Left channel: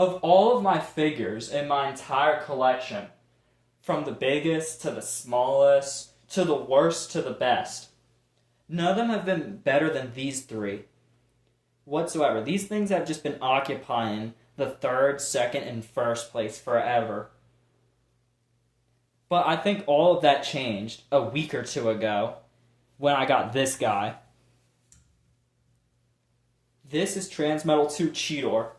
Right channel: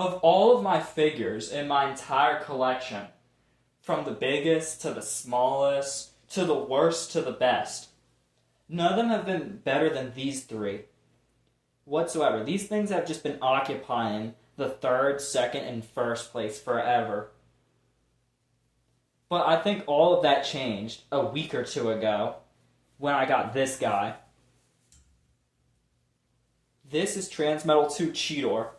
Of all of my figures in my entire collection, from the biggest to the smallest, to the worst to the best, none of them have been better than these three whatsoever. These things have just been occupying the third, second, and first place forever. But I think all of that changed a week or two ago when I got this guy. This is Transmetal Cheetor.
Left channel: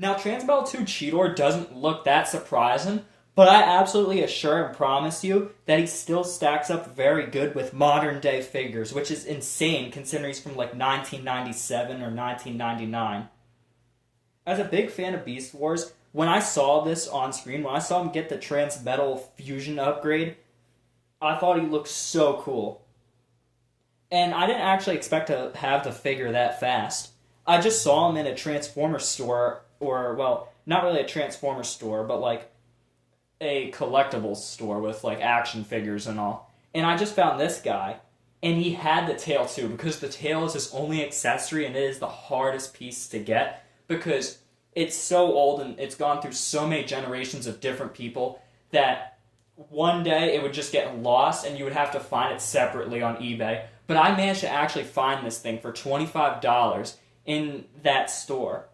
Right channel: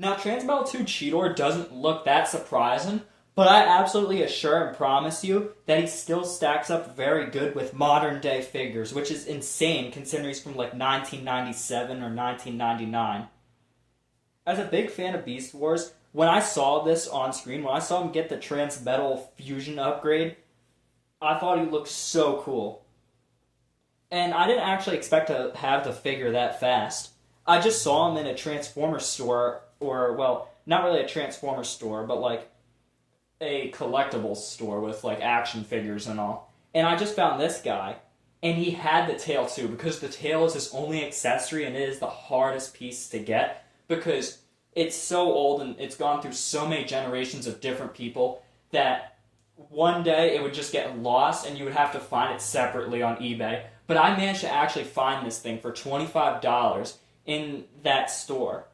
Now, Transmetal Cheetor doesn't look that surprising, but I absolutely assure and promise you that he still stacks up very good with modern day figures, which is insane considering he's from like 1997 or 1999. As a big fan of Beast Wars, when I saw this on screen, when I saw him get the Transmetal Fusion upgrade, I thought he looked so cool. And I didn't actually expect to have the figure that fast. I just saw him in a Transformer store, or, well, not really a Transformer store, but like a collectibles store with like action figures and all. And I just found this guy, and he had the tail too, because the tail is his only accessory, and it is the hardest piece to get, because it's so old and it's gone through so many generations of different people that one day it would just get lost and you would have to find it separately on eBay. But I managed to actually find this thing for $25 in that store.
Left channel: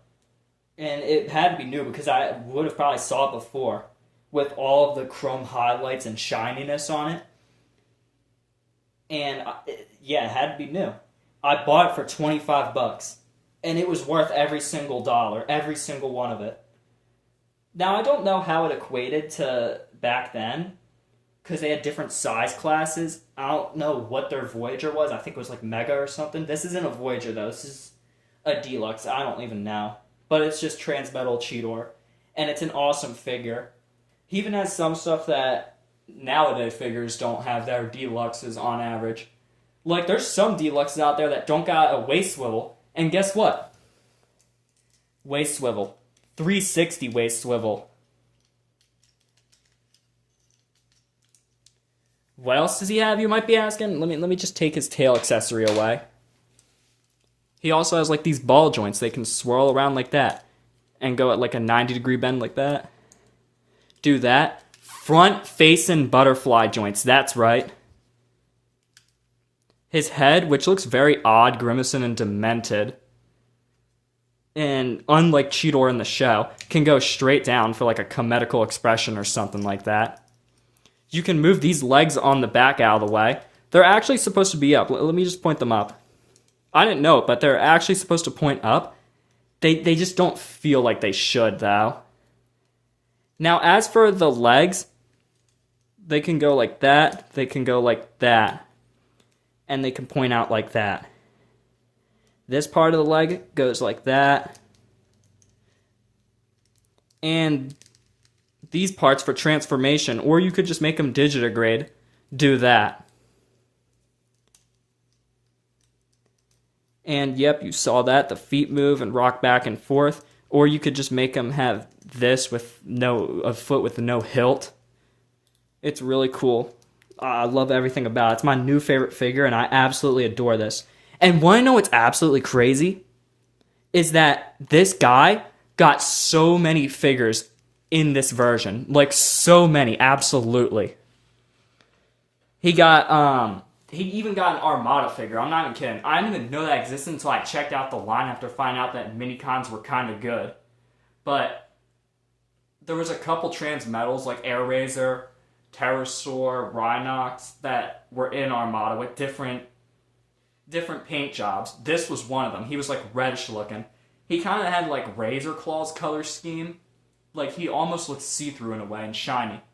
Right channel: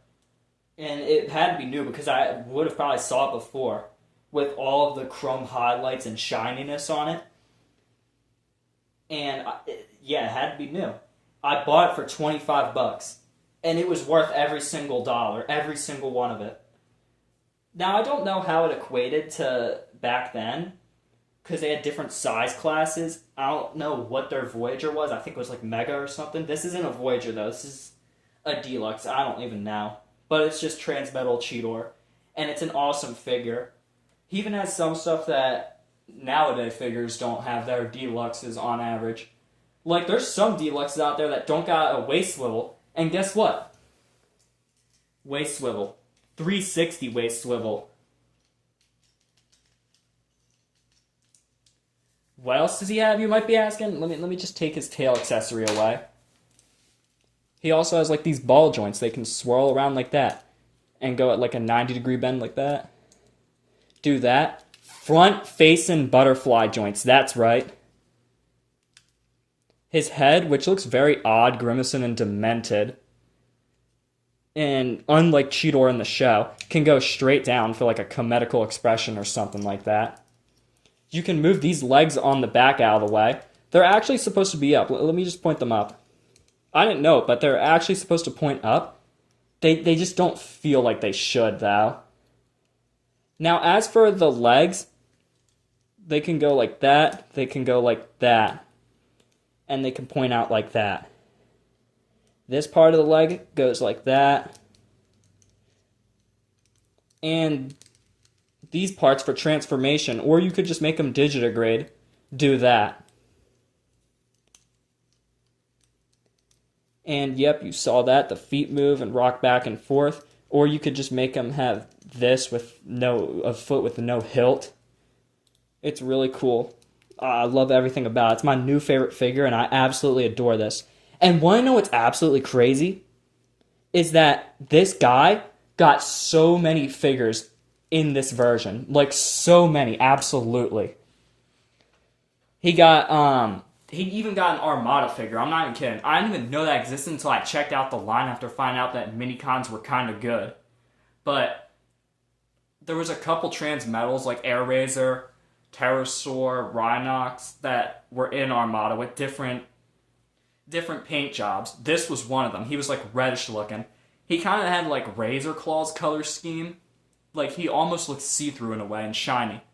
And it had to be new because I would have probably saw it before with all of the chrome highlights and shininess on it. And yeah, it had to be new. I bought it for $25. And it was worth every single dollar, every single one of it. Now, I don't know how it equated to back then, because they had different size classes. I don't know what their Voyager was. I think it was like Mega or something. This isn't a Voyager, though. This is a Deluxe. I don't even know. But it's just Transmetal Cheetor. And it's an awesome figure. He even has some stuff that nowadays figures don't have that are Deluxes on average. Like, there's some Deluxes out there that don't got a waist swivel. And guess what? Waist swivel. 360 waist swivel. What else does he have, you might be asking? Let me just take his tail accessory away. He also has like these ball joints. They can swirl around like that. And go at like a 90-degree bend like that. Do that. Front facing butterfly joints. That's right. His head, which looks very odd, grimacing, and demented, and unlike Cheetor in the show, can go straight down for like a comedical expression or something like that. You can move these legs on the back out of the way. They're actually supposed to be up. Let me just point them up. I didn't know it, but they're actually supposed to point up. They just don't feel like they should, though. Now, as for the legs, they can go like that. They can go like that. And they can point out like that. This part of the leg goes like that. And these parts for transformation, or you could just make them digitigrade, do that. And yep, you saw that. The feet move and rock back and forth. Or you could just make them have this with a foot with no hilt. It's really cool. I love everything about it. It's my new favorite figure, and I absolutely adore this. And want to know what's absolutely crazy? Is that this guy got so many figures in this version. Like, so many, absolutely. He even got an Armada figure. I'm not even kidding. I didn't even know that existed until I checked out the line after finding out that minicons were kind of good. But there was a couple Transmetals, like Air Razor, Pterosaur, Rhinox, that were in Armada with different paint jobs. This was one of them. He was like reddish looking. He kind of had like Razor Claw's color scheme. Like he almost looked see-through in a way and shiny.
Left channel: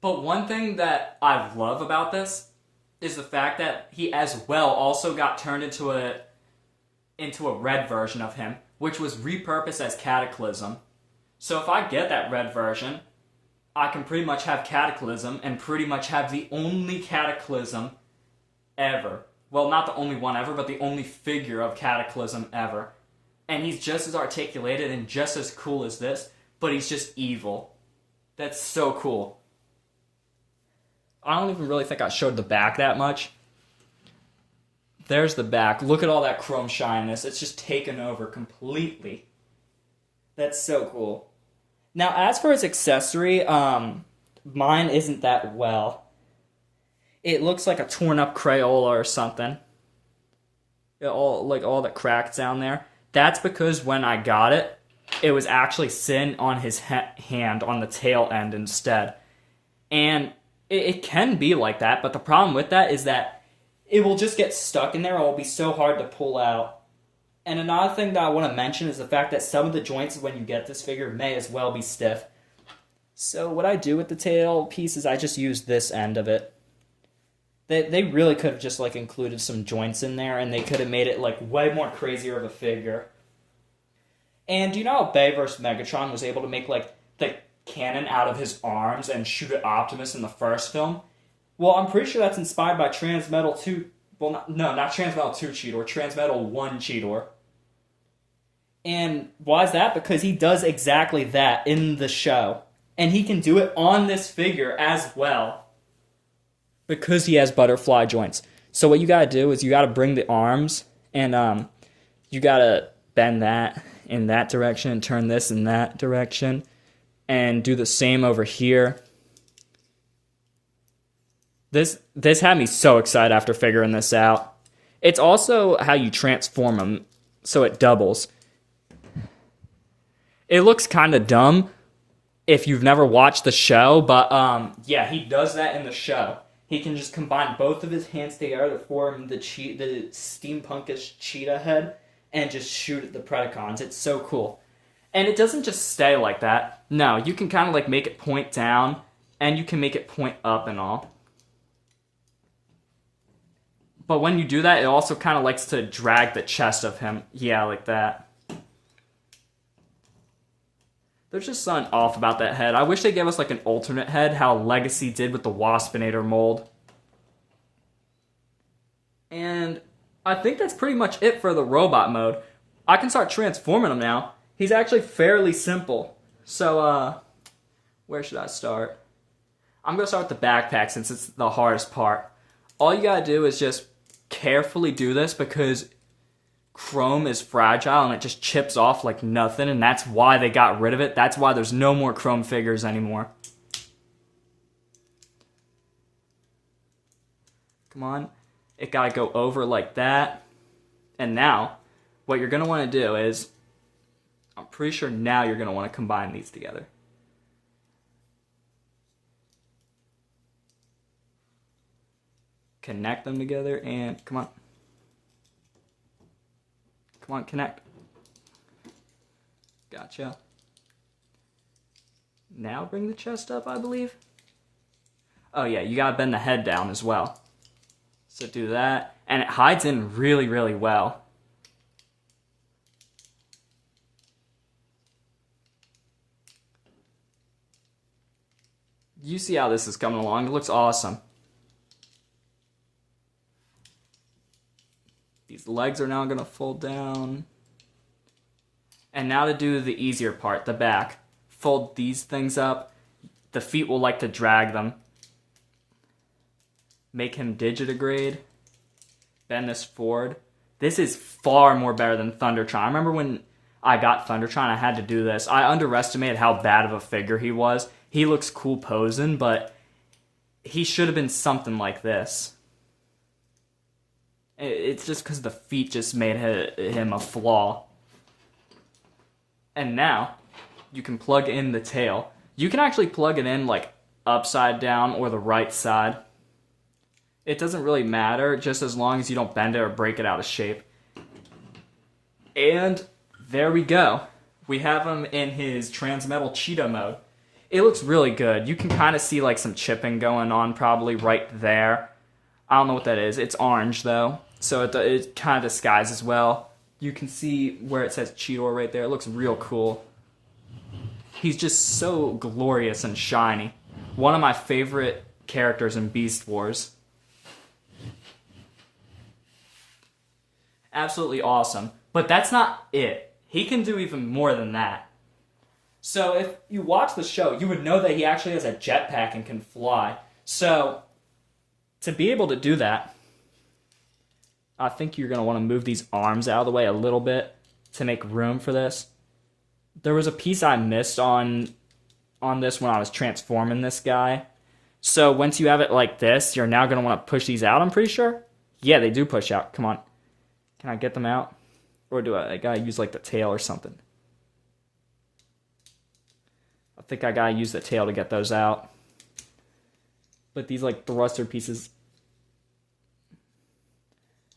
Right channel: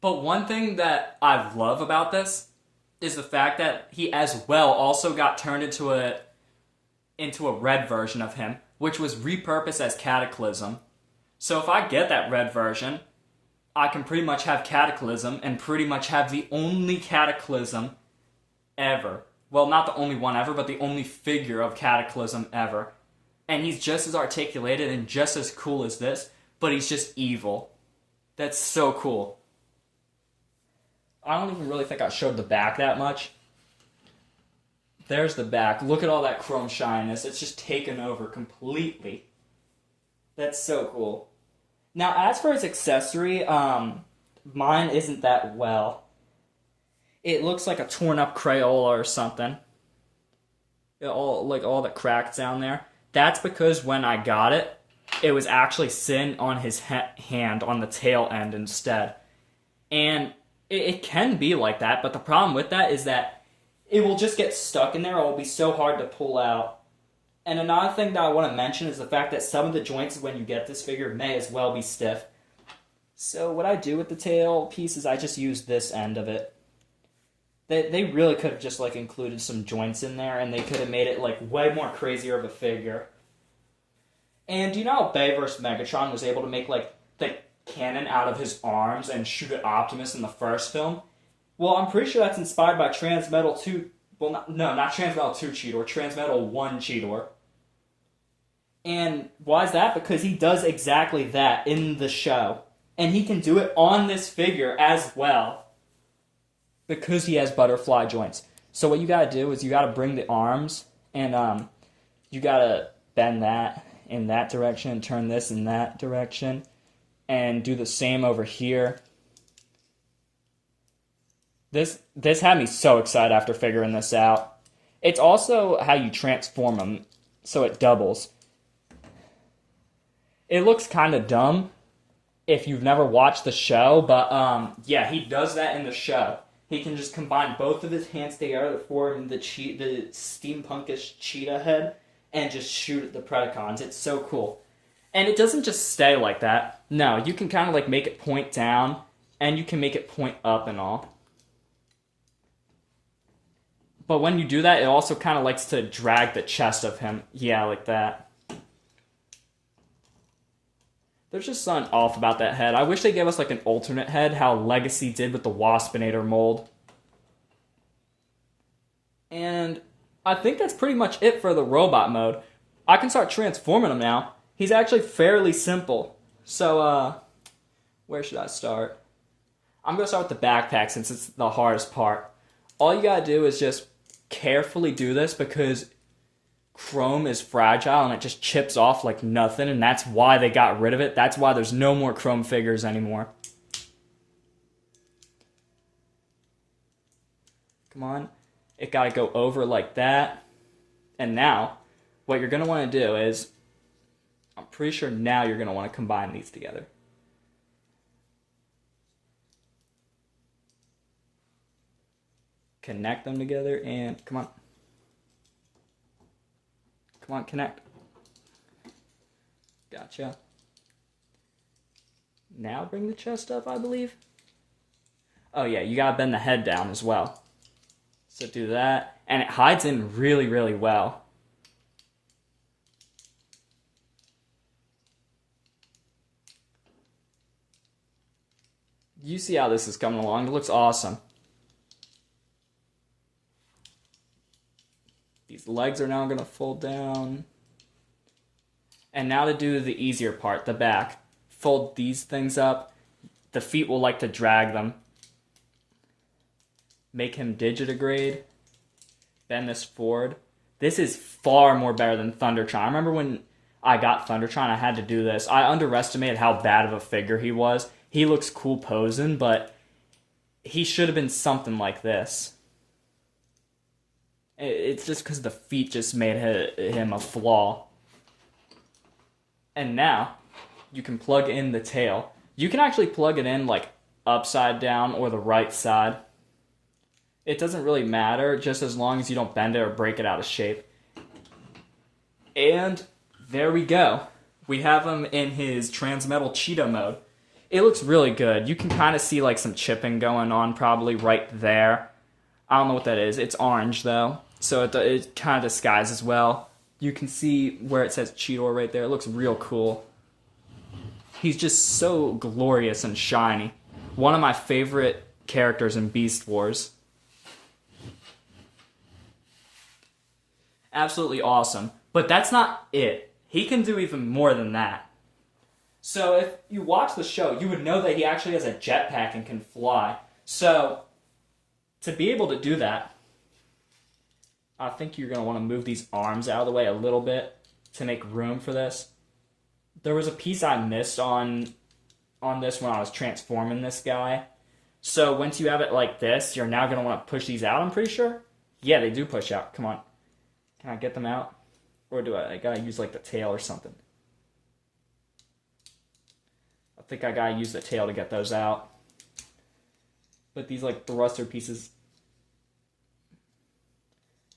But one thing that I love about this is the fact that he as well also got turned into a red version of him, which was repurposed as Cataclysm. So if I get that red version, I can pretty much have Cataclysm and pretty much have the only Cataclysm ever. Well, not the only one ever, but the only figure of Cataclysm ever. And he's just as articulated and just as cool as this, but he's just evil. That's so cool. I don't even really think I showed the back that much. There's the back. Look at all that chrome shininess. It's just taken over completely. That's so cool. Now, as for his accessory, mine isn't that well. It looks like a torn up Crayola or something. All the cracks down there. That's because when I got it, it was actually sitting on his hand on the tail end instead. And it can be like that, but the problem with that is that it will just get stuck in there. It will be so hard to pull out. And another thing that I want to mention is the fact that some of the joints when you get this figure may as well be stiff. So what I do with the tail piece is I just use this end of it. They really could have just like included some joints in there, and they could have made it like way more crazier of a figure. And do you know how Bay vs. Megatron was able to make like the cannon out of his arms and shoot at Optimus in the first film? Well, I'm pretty sure that's inspired by Transmetal 2. Well, not Transmetal 2 Cheetor, Transmetal 1 Cheetor. And why is that? Because he does exactly that in the show. And he can do it on this figure as well. Because he has butterfly joints. So what you gotta do is you gotta bring the arms and you gotta bend that in that direction, turn this in that direction, and do the same over here. This had me so excited after figuring this out. It's also how you transform them, so it doubles. It looks kind of dumb if you've never watched the show, but yeah, he does that in the show. He can just combine both of his hands together to form the steampunkish cheetah head and just shoot at the Predacons. It's so cool. And it doesn't just stay like that. No, you can kind of like make it point down, and you can make it point up and all. But when you do that, it also kind of likes to drag the chest of him. Yeah, like that. There's just something off about that head. I wish they gave us like an alternate head, how Legacy did with the Waspinator mold. And I think that's pretty much it for the robot mode. I can start transforming him now. He's actually fairly simple. So, where should I start? I'm going to start with the backpack since it's the hardest part. All you got to do is just carefully do this because chrome is fragile and it just chips off like nothing, and that's why they got rid of it. That's why there's no more chrome figures anymore. Come on. It got to go over like that. And now, what you're going to want to do is, I'm pretty sure now you're going to want to combine these together. Connect them together and, come on. Come on, connect. Gotcha. Now bring the chest up, I believe. Oh yeah, you gotta bend the head down as well. So do that. And it hides in really, really well. You see how this is coming along. It looks awesome. These legs are now going to fold down. And now to do the easier part, the back. Fold these things up. The feet will like to drag them. Make him digitigrade. Bend this forward. This is far more better than Thundertron. I remember when I got Thundertron, I had to do this. I underestimated how bad of a figure he was. He looks cool posing, but he should have been something like this. It's just because the feet just made him a flaw. And now, you can plug in the tail. You can actually plug it in like upside down or the right side. It doesn't really matter, just as long as you don't bend it or break it out of shape. And there we go. We have him in his Transmetal Cheetor mode. It looks really good. You can kind of see like some chipping going on probably right there. I don't know what that is. It's orange though. So it kind of disguises well. You can see where it says Cheetor right there. It looks real cool. He's just so glorious and shiny. One of my favorite characters in Beast Wars. Absolutely awesome. But that's not it. He can do even more than that. So if you watch the show, you would know that he actually has a jetpack and can fly. So To be able to do that, I think you're going to want to move these arms out of the way a little bit to make room for this. There was a piece I missed on this when I was transforming this guy. So once you have it like this, you're now going to want to push these out, I'm pretty sure. Yeah, they do push out. Come on. Can I get them out? Or do I gotta use like the tail or something? I think I gotta use the tail to get those out. But these like thruster pieces...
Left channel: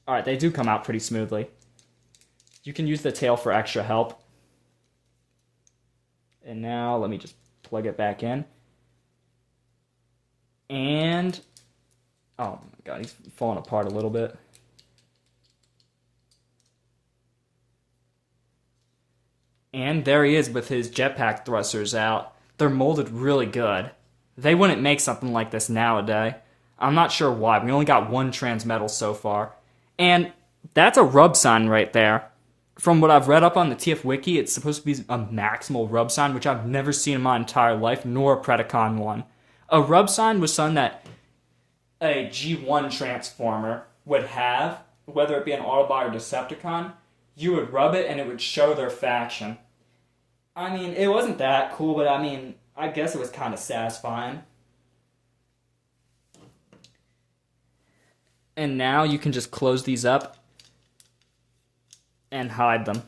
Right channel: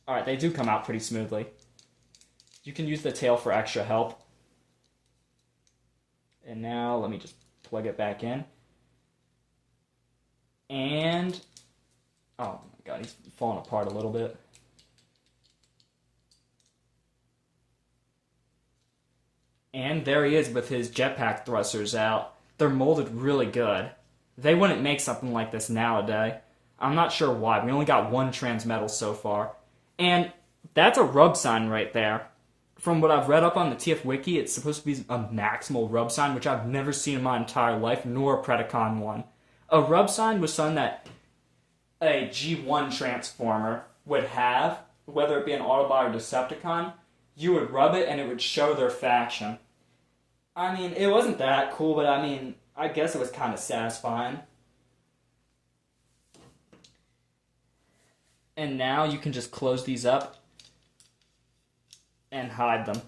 Alright, they do come out pretty smoothly. You can use the tail for extra help. And now, let me just plug it back in. And... oh my god, he's falling apart a little bit. And there he is with his jetpack thrusters out. They're molded really good. They wouldn't make something like this nowadays. I'm not sure why. We only got one Transmetal so far. And that's a rub sign right there. From what I've read up on the TF Wiki, it's supposed to be a maximal rub sign, which I've never seen in my entire life, nor a Predacon one. A rub sign was something that a G1 Transformer would have, whether it be an Autobot or Decepticon. You would rub it and it would show their faction. I mean, it wasn't that cool, but I mean, I guess it was kind of satisfying. And now you can just close these up and hide them.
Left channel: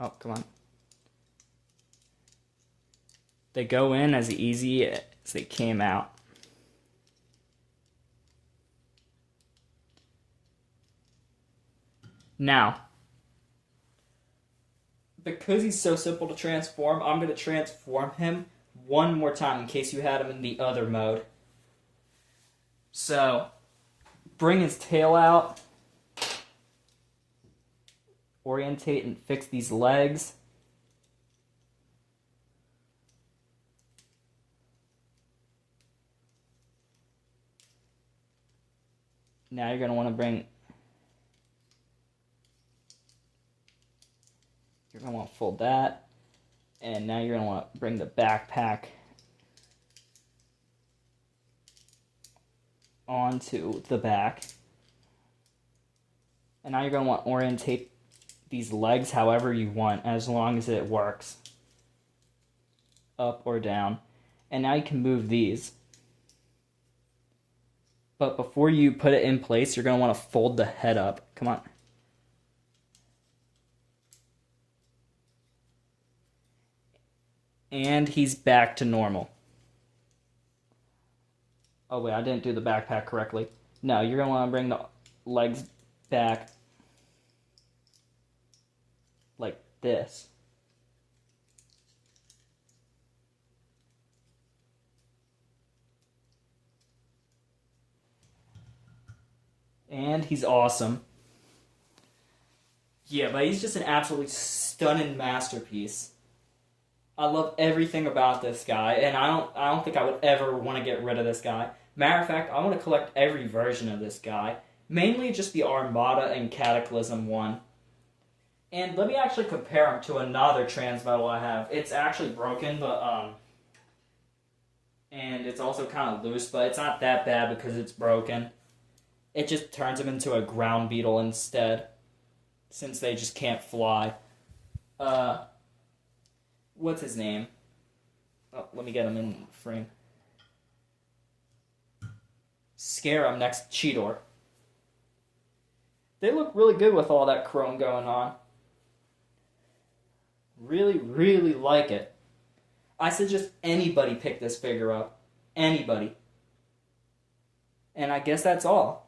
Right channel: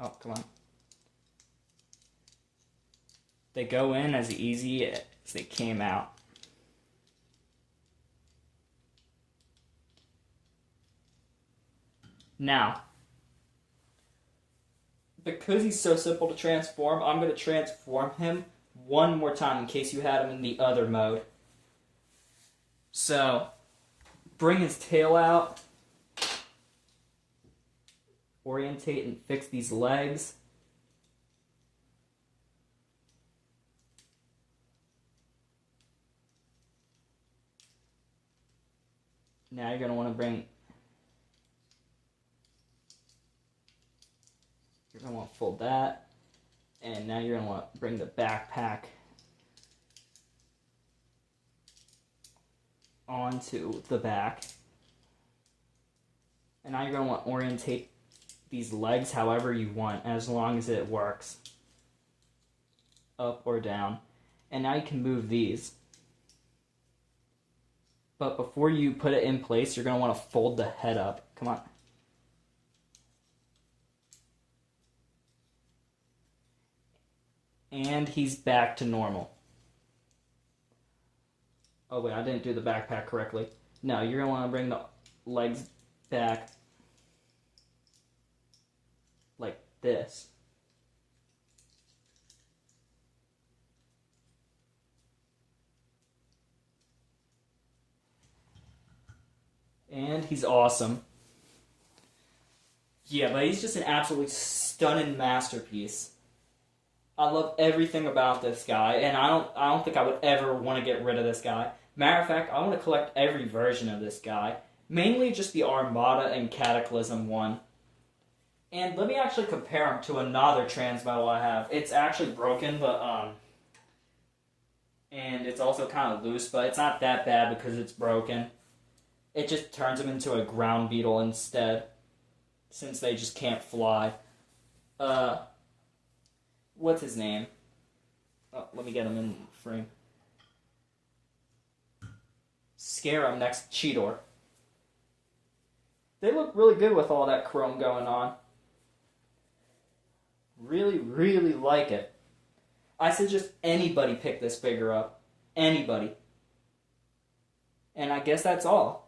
Oh, come on. They go in as easy as they came out. Now, because he's so simple to transform, I'm going to transform him one more time in case you had him in the other mode. So, bring his tail out, orientate and fix these legs. Now you're going to want to bring... you're going to want to fold that. And now you're going to want to bring the backpack onto the back. And now you're going to want to orientate these legs however you want, as long as it works. Up or down. And now you can move these. But before you put it in place, you're going to want to fold the head up. Come on. And he's back to normal. Oh wait, I didn't do the backpack correctly. No, you're going to want to bring the legs back like this. And he's awesome. Yeah, but he's just an absolutely stunning masterpiece. I love everything about this guy, and I don't think I would ever want to get rid of this guy. Matter of fact, I want to collect every version of this guy. Mainly just the Armada and Cataclysm one. And let me actually compare him to another Transmetal I have. It's actually broken, but and it's also kind of loose, but it's not that bad because it's broken. It just turns him into a ground beetle instead, since they just can't fly. What's his name? Oh, let me get him in the frame. Onyx Cheetor. They look really good with all that chrome going on. Really, really like it. I suggest anybody pick this figure up. Anybody. And I guess that's all.